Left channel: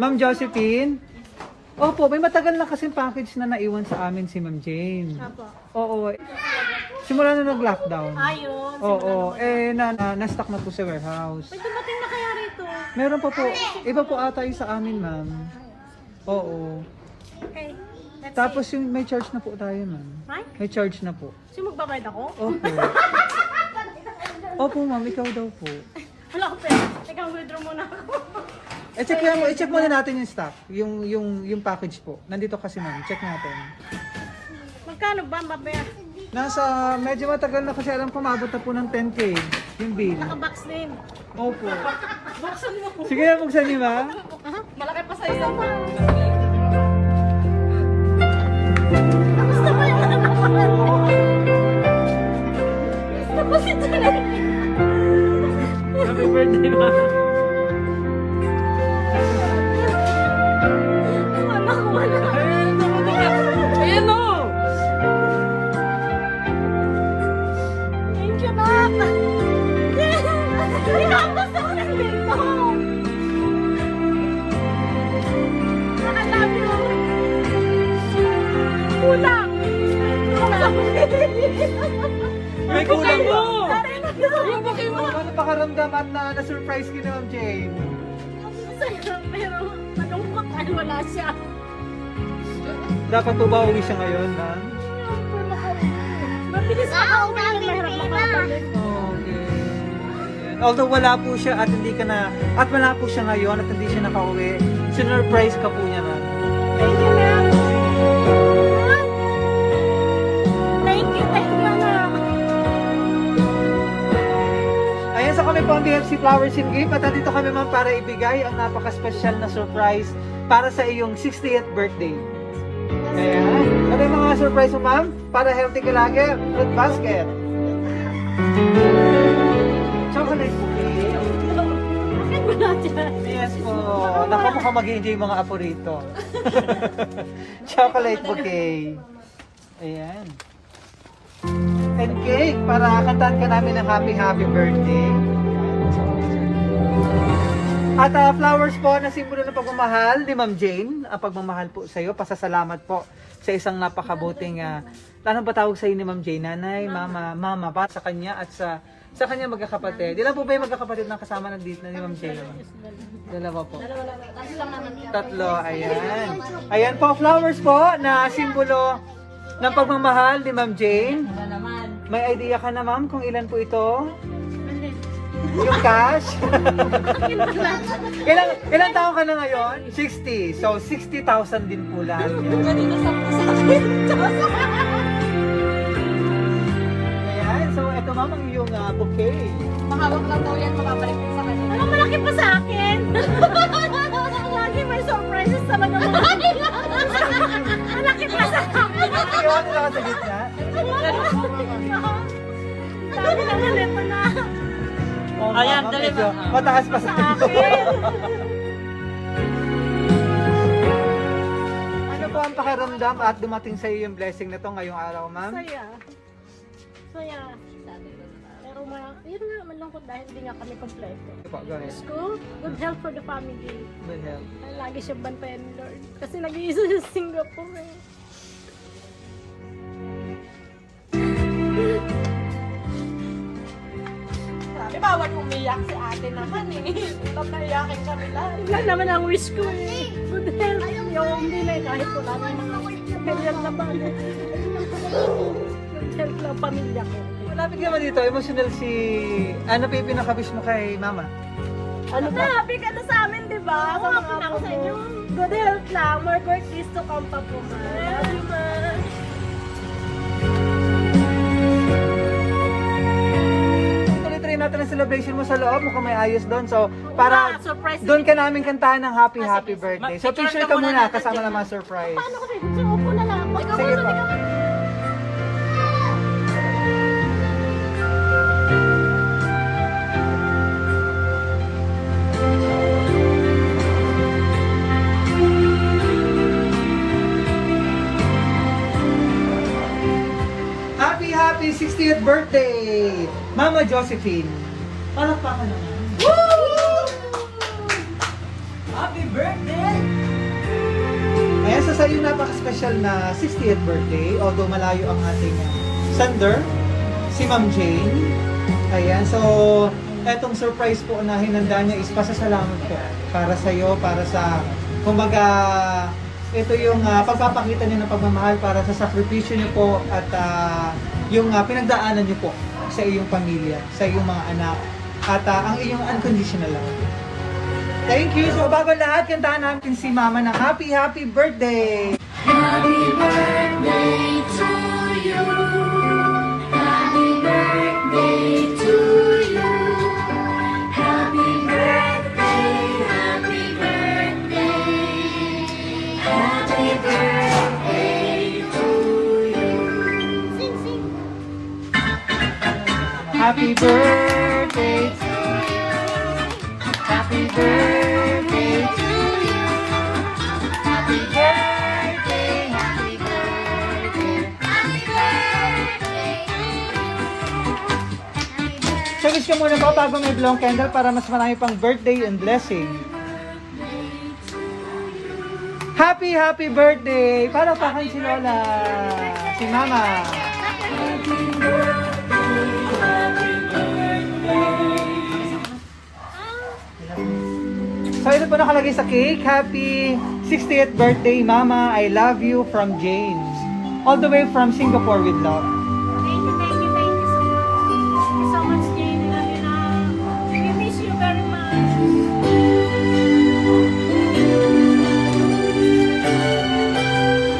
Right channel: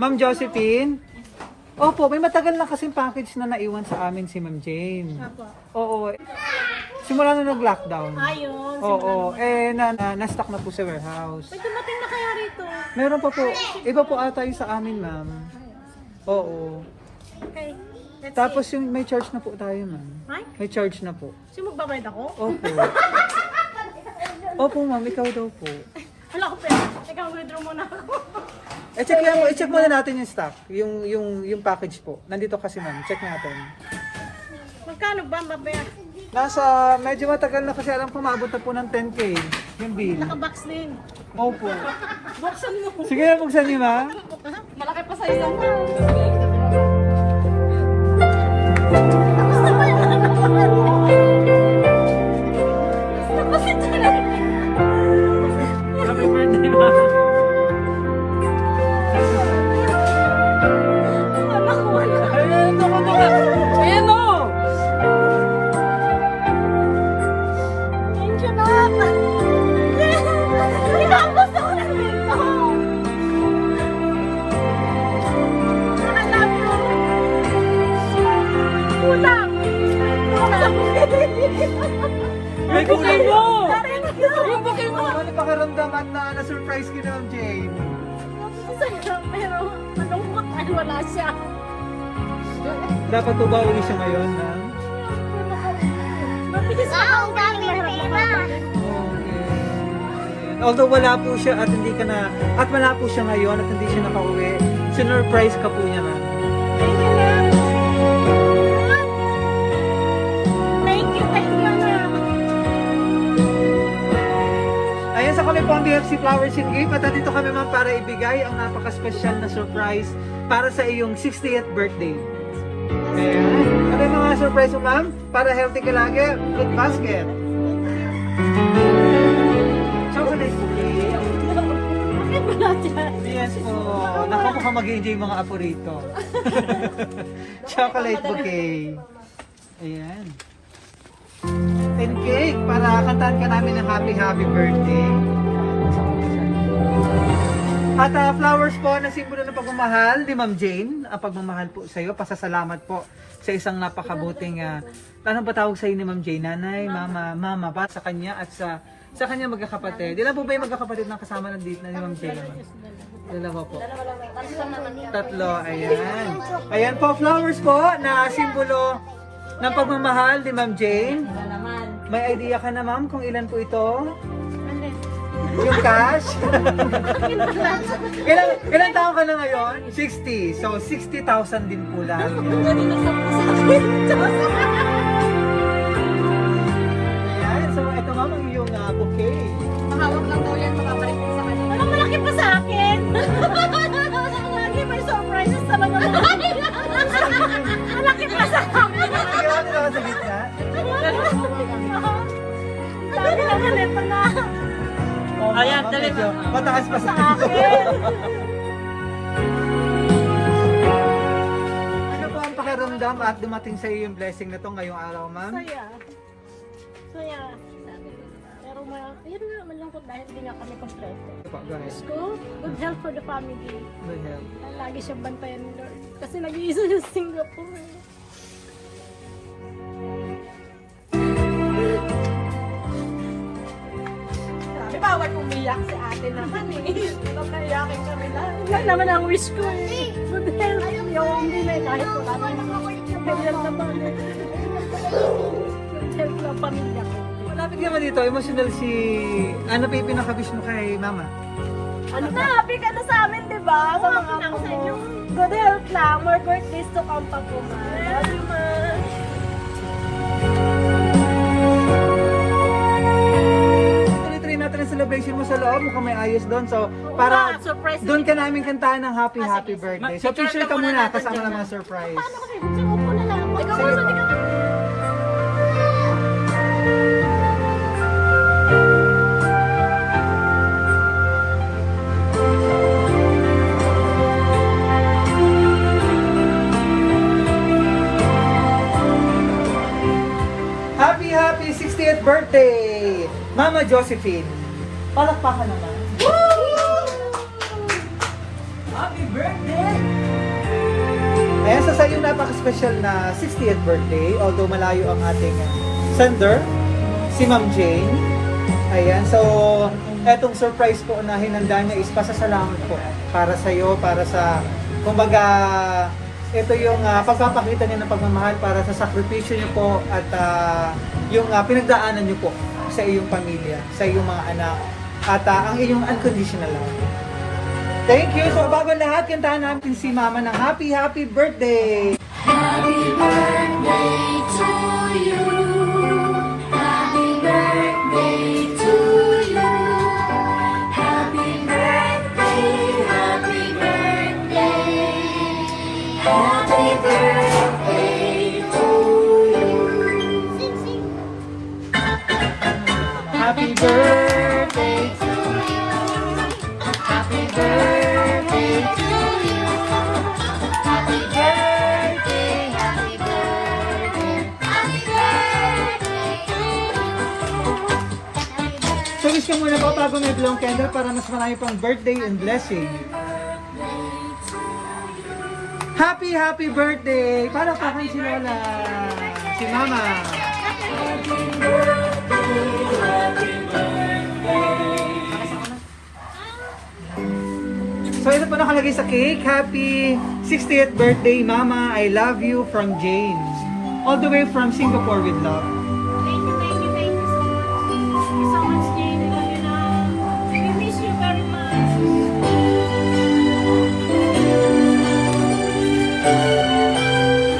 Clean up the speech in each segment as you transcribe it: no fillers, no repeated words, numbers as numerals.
Ma'am Josephine? Opo, may matagal na kasing package na naiwan sa amin si Ma'am Jane. Apo. Oo. Simula na nag-lockdown. Ayun, simula Oo. naman. Na-stock na po sa warehouse. May dumating na kaya rito? Meron pa po. Iba po ata yung sa amin, ma'am. Oo. Okay, let's Tapos see. yung may charge na po tayo, ma'am. Ay? May charge na po. Sino magbabayad ako? Opo. Opo, ma'am. Ikaw daw po. Wala ko pera. Ikaw, withdraw muna ako. I-check muna natin yung stock. Yung package po. Nandito kasi, ma'am. Check natin. Magkano ba, mabaya? Nasa, medyo matagal na kasi alam ko maabot na po ng 10K yung bill. Nakabox din. Opo. Buksan mo. Sige, buksan niyo, ma'am. Malaki pa sa isang pa. Gusto mo yung anak ko? Gusto ko si Tulay. Happy birthday, ma'am. Anak ko wala. Ayan o! Thank you, Nak. Ikaw ang gusto ko ng dito. I love you. Kulang. Kulang. May kulang mo. Thank you. Ano pakaramdam at na-surprise ki na, Ma'am Jane? Masaya, pero malungkot ay wala siya. Dapat po ba uwi siya ngayon, ma'am? Mabilis makauwi, mahirap makabalik. Although wala po siya at hindi ka na, at wala po siya ngayon at hindi siya nakauwi, sinurprise ka po niya, ma'am. Thank you, ma'am. Thank you, Anak. Ayan sa kami po ang BFC Flowers and Gift at dito kami, ma'am, para ibigay ang napaka-special na surprise para sa iyong 60th birthday. Ayan. Ano yung mga surprise mo, ma'am? Para healthy ka lagi, fruit basket. Chocolate cookie. Bakit wala siya? Yes po. Naku, mukhang mag-enjoy yung mga apo rito. Chocolate bouquet. Ayan. And cake para kantahan ka namin ng happy birthday. At flowers po na simbolo ng pagmamahal ni Ma'am Jane. Ang pagmamahal po sa iyo. Pasasalamat po sa isang napakabuting anong patawag sa iyo ni Ma'am Jane? Nanay, mama pa sa kanya at sa kanya magkakapatid. Ilan po ba yung magkakapatid na kasama nandito na ni Ma'am Jane? Dalawa po. Tatlo, ayan. Ayan po, flowers po na simbolo ng pagmamahal ni Ma'am Jane. May idea ka na, ma'am, kung ilan po ito? Yung cash? ilang taon ka na ngayon? 60. So, 60,000 din po lahat. Ayan. So, ito, ma'am, ang iyong bouquet. Mahawak lang daw yan, makabalik sa kanya. Ano, malaki pa sa akin? Lagi may surprises talaga mo. Malaki pa sa akin. Iwan nila ka sa gitna. Dami naman ito na. Oh, ayan, medyo mataas pa sa akin. Ano po ang pakiramdam at dumating sa iyo yung blessing na to ngayong araw, ma'am? Saya. Saya. Pero yun nga, malungkot dahil hindi nga kami kompleto. School, good health for the family. Good health. Lagi siyang bantayan ni Lord. Kasi nag-iisa siya sa Singapore eh. Bawat umiyak si ate naman eh. Napayakin kami lang. Yun lang naman ang wish ko eh. Good health. Yung hindi na eh, kahit wala na yung mga material na bagay. Good health lang pamilya ko. Malapit naman dito, emotional si... Ano pa yung pinaka-wish mo kay mama? Ano ba? Happy ka na sa amin, di ba? Sa mga apo mo. Good health lang. More birthdays to come pa po, ma. Love you, ma. Tuloy natin ang celebration mo sa loob, mukhang may ayos doon. So, para surprise doon ka namin kantahan ng happy birthday. So, picture ka muna kasama ng mga surprise. Paano kasi? Sa upo na lang. Sige po. Happy 60th birthday, Mama Josephine. Palakpakan na lang. Happy birthday! Ayan, sa sa'yo napaka-special na 60th birthday, although malayo ang ating sender, si Ma'am Jane. Ayan, so, etong surprise po na hinanda niyo is pasasalamat po para sa'yo, para sa, kumbaga, ito yung pagpapakita niyo ng pagmamahal para sa sakripisyo niyo po at yung pinagdaanan niyo po sa iyong pamilya, sa iyong mga anak, at ang iyong unconditional love. Thank you! So bago lahat, kantahan natin si Mama ng happy, happy birthday! Happy birthday to you. Happy birthday to you. Happy birthday, happy birthday. Happy birthday to you. Sing, sing. Happy birthday to you! Happy birthday to you! Happy birthday, happy birthday! Challenge ka muna ako bago may blow candle para mas marami pang birthday and blessing. Happy, happy birthday! Para pakan si Lola, si Mama. So ito po nakalagay sa cake. Happy 60th birthday, Mama. I love you from Jane. All the way from Singapore with love. Thank you, thank you, thank you so much, Jane. I love you na. We miss you very much.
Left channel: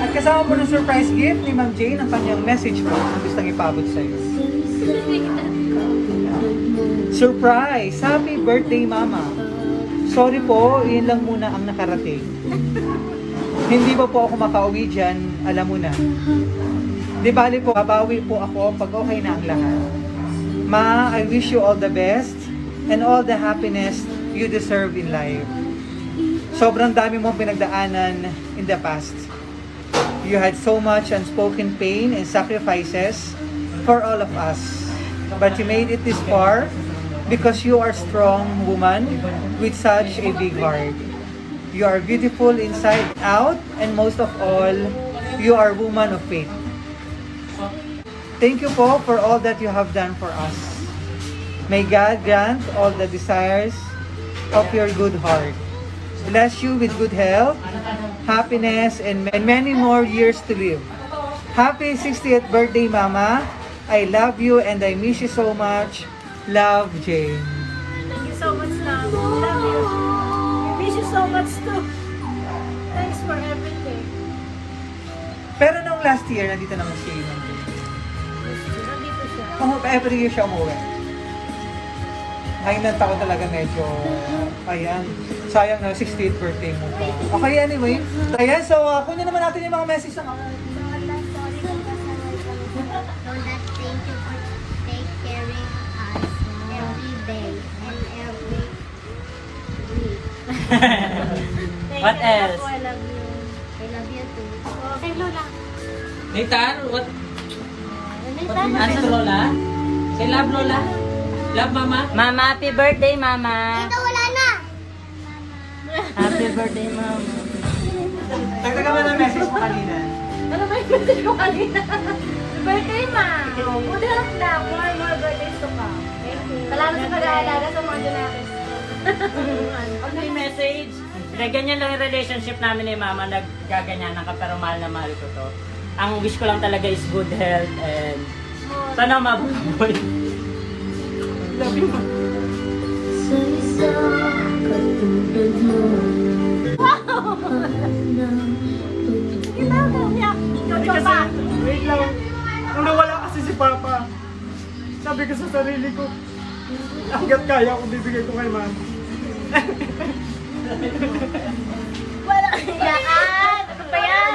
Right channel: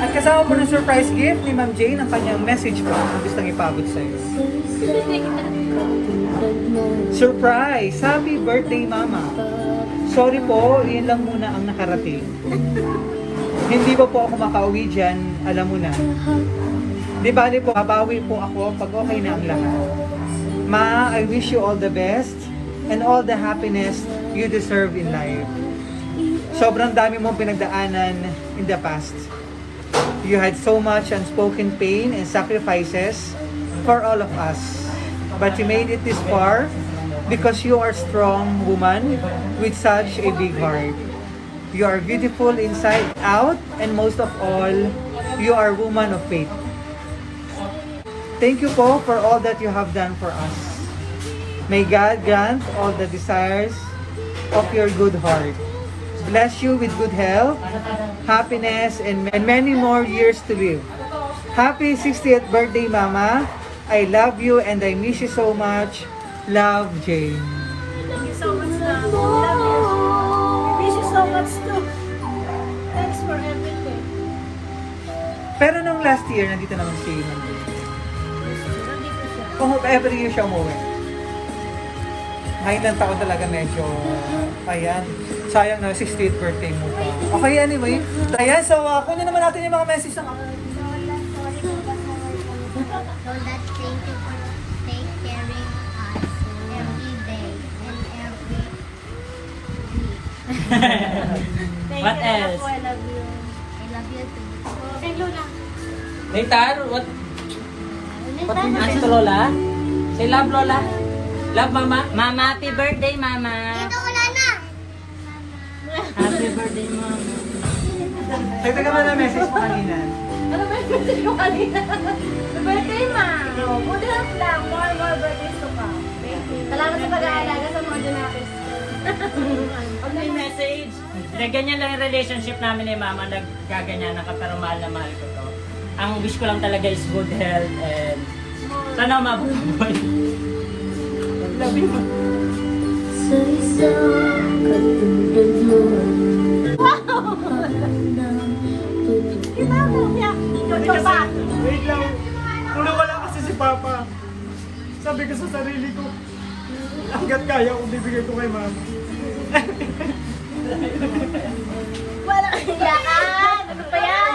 At kasama po ng surprise gift ni Ma'am Jane ang kanyang message po na gustong ipabot sa iyo. Surprise! Happy birthday, Mama! Sorry po, yun lang muna ang nakarating. Hindi pa po ako makauwi dyan, alam mo na. Di bali po, babawi po ako pag okay na ang lahat. Ma, I wish you all the best and all the happiness you deserve in life. Sobrang dami mong pinagdaanan in the past. You had so much unspoken pain and sacrifices for all of us. But you made it this far because you are a strong woman with such a big heart. You are beautiful inside out, and most of all, you are a woman of faith. Thank you po for all that you have done for us. May God grant all the desires of your good heart. Bless you with good health, happiness, and many more years to live. Happy 60th birthday, Mama. I love you and I miss you so much. Love, Jane. Thank you so much, Love. Love you. We miss you so much too. Thanks for everything. Pero nung last year, nandito naman si Ma'am Jane. Nandito siya. Kung every year siya umuwi. Ngayon ang taon talaga medyo, ayan, sayang na 60th birthday mo pa. Okay, anyway. Ayan, so kunin naman natin yung mga message sa Lola, sorry po Lola, thank you for take caring us every day and every week. Thank What you, else? Love. I love you. I love you too. Say Lola. Hey, Taro, what? Ano Asan Lola? Say love, Lola. Love, Mama. Mama, happy birthday, Mama. Ito wala na. Happy birthday, Mama. Tagdagan mo na message mo kanina. Ano ba yung message ko kanina? Birthday, Ma! Good health lang. More birthdays to come. Thank you. Salamat sa pag-aalaga sa mga Junakis. Pag may message, ganyan lang yung relationship namin ni Mama, naggaganyan ka pero mahal na mahal ko to. Ang wish ko lang talaga is good health and sana mabuhay. Love you, Ma. Kita ko, umiyak. Jojo ba? Wait lang. Nung nawala kasi si Papa, sabi ko sa sarili ko, hanggat kaya kung bibigay ko kay Mama. Wala kang iyakan. Ano pa yan?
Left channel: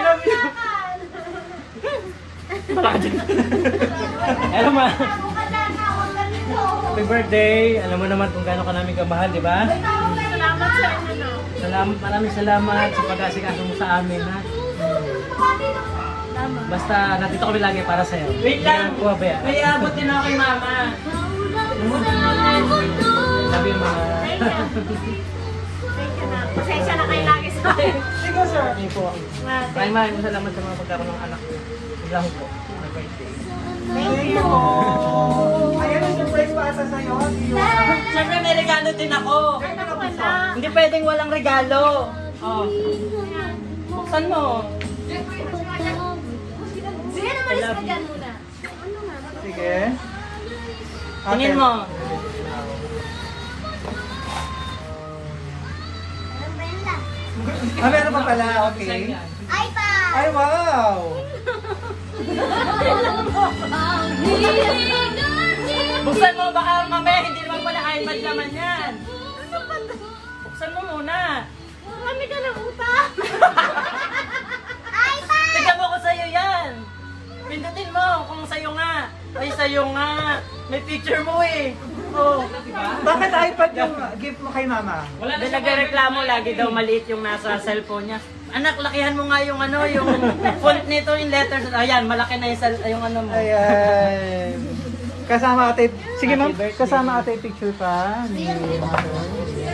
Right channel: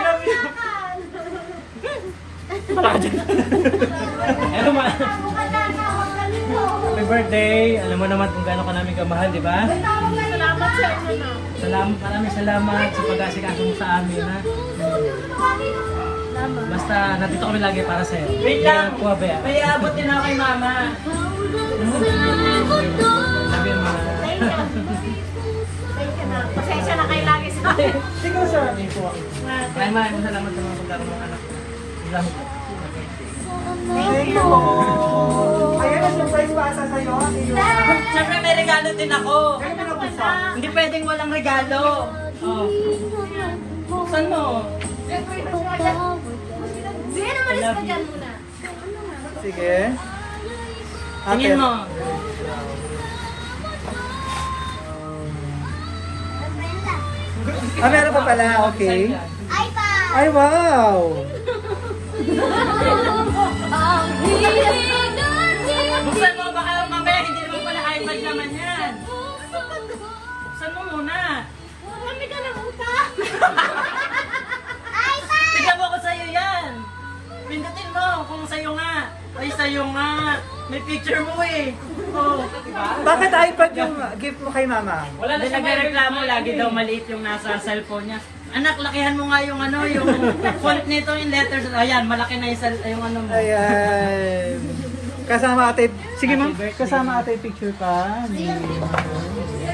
Hello, Ma. Happy birthday. Alam mo naman kung gaano ka namin kamahal, di ba? Salamat sa inyo na. Maraming salamat sa pag-asikaso mo sa amin, ha? Salamat. Basta nandito kami lagi para sa'yo. Hindi ka naman puwabaya. May abot din ako kay Mama. Sabi yung mga... Thank you. Thank you na. Pasensya na kayo lagi sa akin. Sino, sir? Hindi po. Ay, maraming salamat sa mga pagkaroon ng anak ko. Lang po. Thank you. Ayan ang surprise pa sa sa'yo. Siyempre may regalo din ako. Hindi pwedeng walang regalo. Oh. Saan mo? Sige, naman isa dyan muna. Sige. Tingin mo. Ah, meron pa pala. Okay. iPad! Ay, wow! Buksan mo, baka mamaya hindi naman pala iPad naman yan. Buksan mo muna. Marami ka ng utang. Tignan mo ko sa'yo yan. Pindutin mo kung sa'yo nga. Ay, sa'yo nga. May picture mo eh. Oh. Bakit iPad yung gift mo kay mama? Wala na nagreklamo lagi daw maliit yung nasa cellphone niya. Anak, lakihan mo nga yung ano, yung font nito, yung letters. Ayan, malaki na yung ano mo. Ayan. Kasama ate. Sige ma'am, Happy birthday. kasama ate picture ka. Ni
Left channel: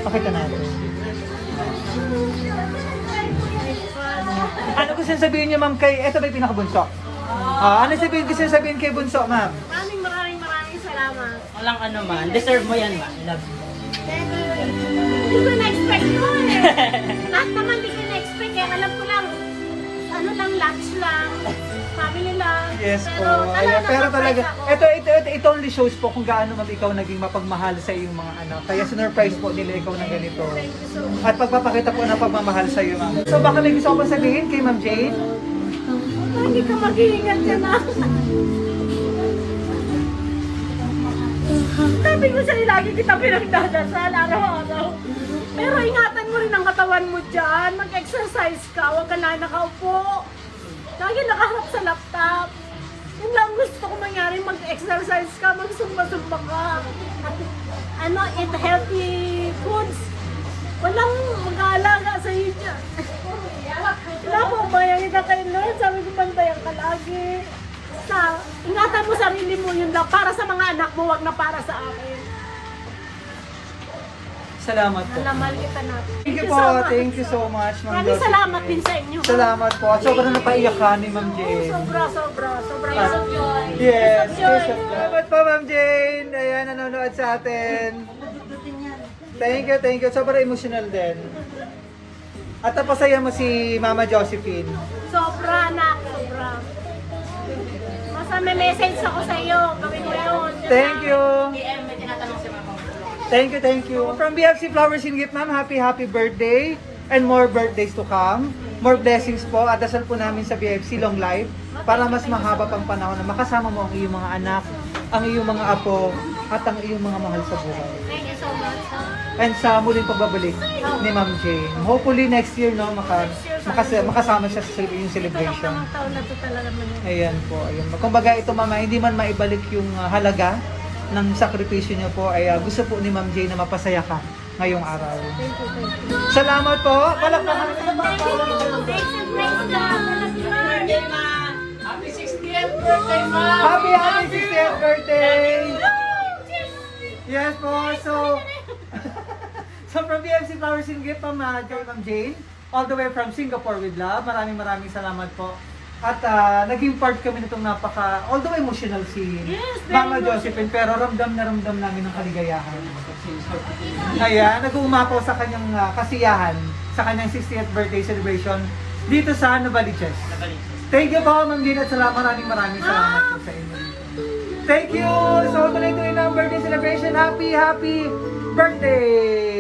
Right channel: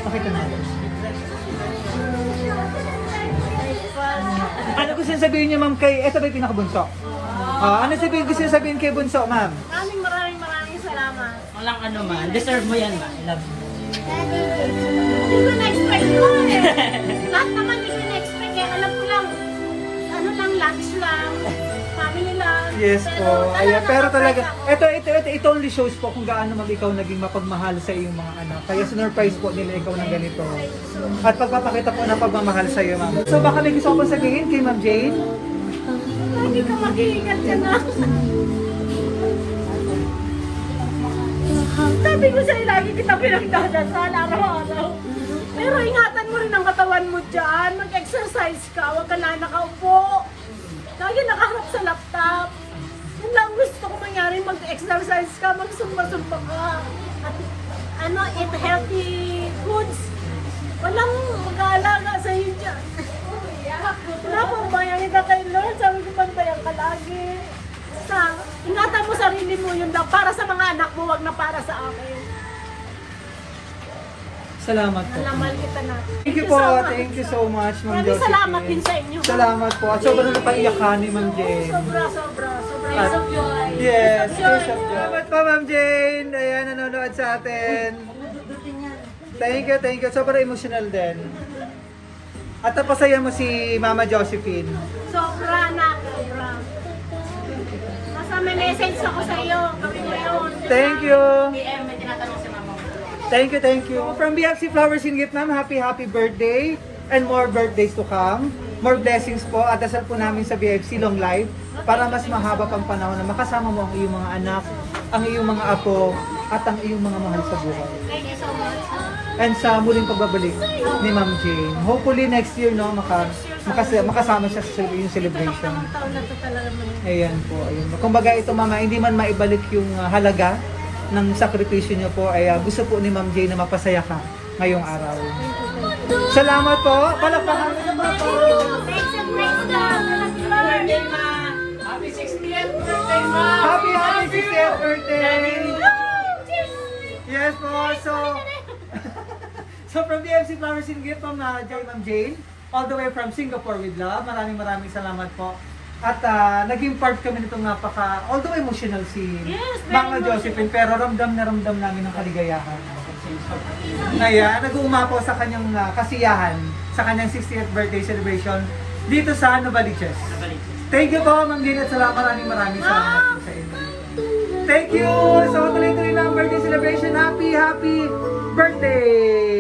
pakita natin. Ano gusto sabihin niya ma'am kay, ito ba yung pinakabunso? Ano gusto sabihin kay bunso ma'am? Maraming salamat. Walang ano man. Deserve mo yan, ma. I love you. Hindi ko na-expect mo eh. Lahat naman hindi ko na-expect. Kaya alam ko lang, ano lang, lunch lang, family lang. Yes po. Pero Ayan, pero talaga, na-surprise ako. ito only shows po kung gaano mag ikaw naging mapagmahal sa iyong mga anak. Kaya sinurprise po nila ikaw na ganito. Thank you so much. At pagpapakita po ng pagmamahal sa iyo, ma'am. So baka may gusto ko sabihin kay Ma'am Jane? Lagi ka mag-iingat ka na. Sabi ko sa'yo, lagi kita pinagdadasal araw-araw. Pero ingatan mo rin ang katawan mo dyan. Mag-exercise ka, huwag ka na nakaupo. Lagi nakaharap sa laptop. Yun lang gusto ko mangyari, mag-exercise ka, magsumba-sumba ka. At eat healthy foods. Walang mag-aalaga sa'yo dyan. Wala pong bayang kita kay Lord. Sabi ko, bantayan ka lagi. Ingatan mo sarili mo, yun lang. Para sa mga anak mo, wag na para sa akin. Salamat po. Nalamal kita natin. Thank you po. Thank you so much, Ma'am Maraming Josephine. salamat din sa inyo. Salamat po. At sobrang napaiyak ka ni Ma'am Jane. Sobra. Yes of joy. Yes. Joy. Salamat po, Ma'am Jane. Ayan, nanonood sa atin. Thank you. Sobrang emotional din. At napasaya mo si Mama Josephine. Sobra, anak. Sobra. Basta may message ako sa iyo. Gawin mo yun. Thank you. PM, may tinatanong si mama. Thank you. From BFC Flowers in Gift, ma'am, happy birthday and more birthdays to come. More blessings po at dasal po namin sa BFC long life para mas mahaba pang panahon na makasama mo ang iyong mga anak, ang iyong mga apo, at ang iyong mga mahal sa buhay. Thank you so much. And sa muling pagbabalik ni Ma'am Jane. Hopefully next year, no, makasama siya sa yung Ito celebration. lang taon na to talaga man yun. Ayan po. Ayun. Kumbaga ito mga hindi man maibalik yung halaga ng sakripisyo niyo po ay gusto po ni Ma'am Jane na mapasaya ka ngayong araw. Thank you. Salamat po. Palakpakan. Thanks and praise God. Thank you, Lord. Happy 60th birthday, ma! Happy 60th birthday! Yes po. So from BFC Flowers and Gift, Ma'am Jane, all the way from Singapore with love. Maraming salamat po. At naging part kami nitong although emotional si Yes, very Mama Josephine, pero ramdam na ramdam namin ang kaligayahan. Ayan, nag-uumapaw sa kanyang kasiyahan, sa kanyang 60th birthday celebration dito sa Novaliches. Thank you po, Ma'am Jane, at maraming salamat po sa inyo. Thank you! So tuloy-tuloy na ang birthday celebration. Happy birthday!